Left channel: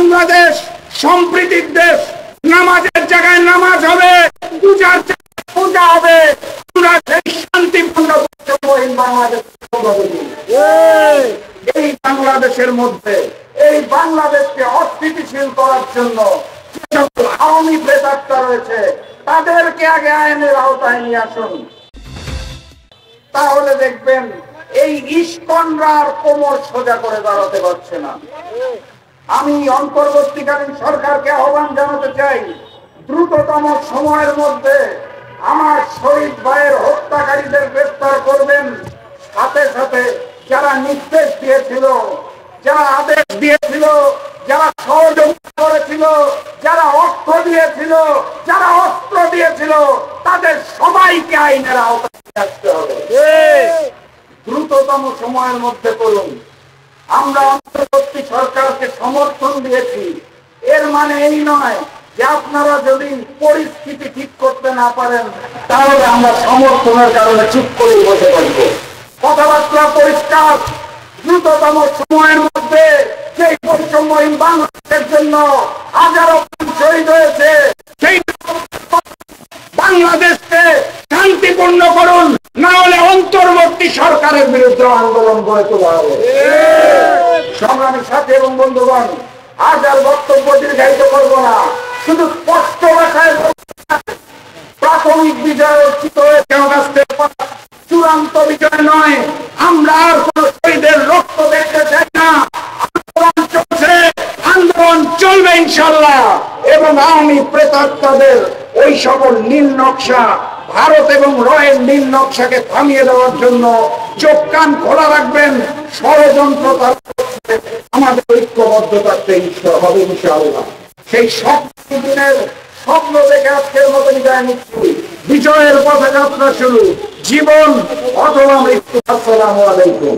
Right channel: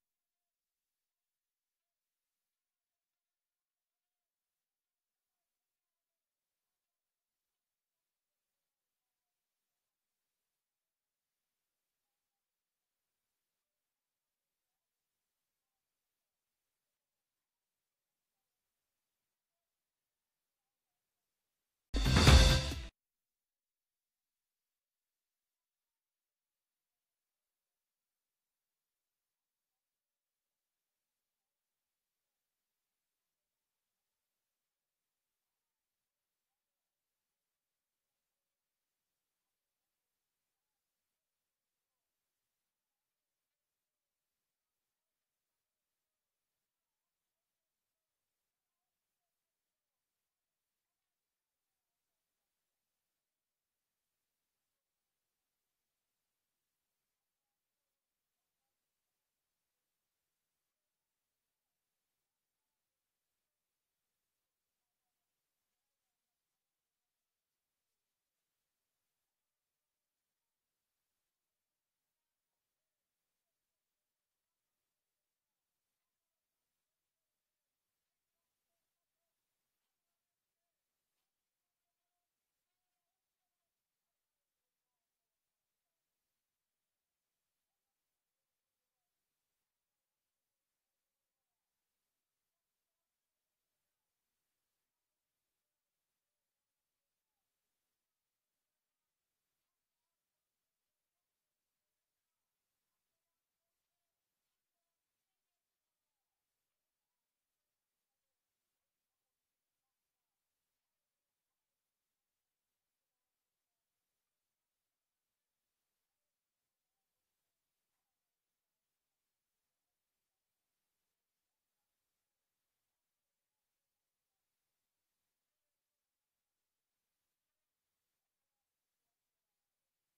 বাংলাদেশ সম্প্রীতির দেশ। নামাজের জায়গায় নামাজ হবে, পূজার জায়গায় পূজা হবে। আমরা সেই শান্তিপূর্ণ বাংলাদেশ এই বাংলাদেশের মধ্যে এই বাংলাদেশকে অস্থিতিশীল করার জন্য যে সকল আওয়ামী প্রেতাত্মা রয়েছে তাদেরকে আগে আইনের আওতায় নিয়ে আসুন। তাহলে দেখবেন এই ইস্কনরা আর কোমর সোজা করে দাঁড়াতে পারছে না। আমি অন্তর্বর্তীকালীন সরকারকে আহ্বান জানাতে চাই, দ্রুততম সময়ের মধ্যে আমার শহীদ ভাইয়ের হত্যাকারীদের গ্রেফতার করবেন। সাথে সাথে যারা নির্দেশ দিয়েছিল, যারা আদেশ দিয়েছিল, যারা সহযোগিতা করেছিল, যারা অর্থ দিয়েছিল, যারা অস্ত্র দিয়েছিল, তাদের সবাইকে আইনের আওতায় আসতে হবে। দ্রুততম সময়ের মধ্যে করুন। আমরা অন্তর্বর্তী সরকারকে সমর্থন দিয়েছি, এর মানে এই নয় যে আপনারা যদি পরিস্থিতি ঠিক করতে না পারেন তাহলে আমরা সমর্থনের কারণে চুপ করে বসে থাকব। কথাবার্তা পরিষ্কার, দ্রুততম সময়ের মধ্যে সেই বৈষম্যহীন বাংলাদেশের জন্য হাজারো শহীদ হয়েছে, সেই বাংলাদেশকে শান্তিপূর্ণ করুন, না হলে অন্তর্বর্তী সরকারের বিরুদ্ধে আন্দোলন গড়ে তোলা হবে। সংগ্রামী সাথী এবং বন্ধুগণ, আজ আর বক্তব্য দীর্ঘায়িত করবো না, শুধু স্পষ্ট ভাষায় প্রাথমিক বিজয় অর্জিত হয়েছে, চূড়ান্ত বিজয় নয়। আমরা আর কোন শহীদের রক্ত দেখতে চাই না। আন্দোলন চলছে, আন্দোলন চলবে ইনশাল্লাহ। এবং আওয়ামী প্রেতাত্মাদের ওই সকল নীল নকশা, ভারত এবং রয়ের নীল নকশাকে থামিয়ে দেওয়ার জন্য চোখ কান খোলা রাখবেন। ষড়যন্ত্র আমাদের ঐক্যবদ্ধ থাকতে হবে ইনশাআল্লাহ। সেই দিনের স্বপ্ন দেখে আজকের মতো বিদায় নিচ্ছি। বিজয়ের পথে যাত্রা শুরু, জীবন অথবা মৃত্যু। আসসালামু আলাইকুম।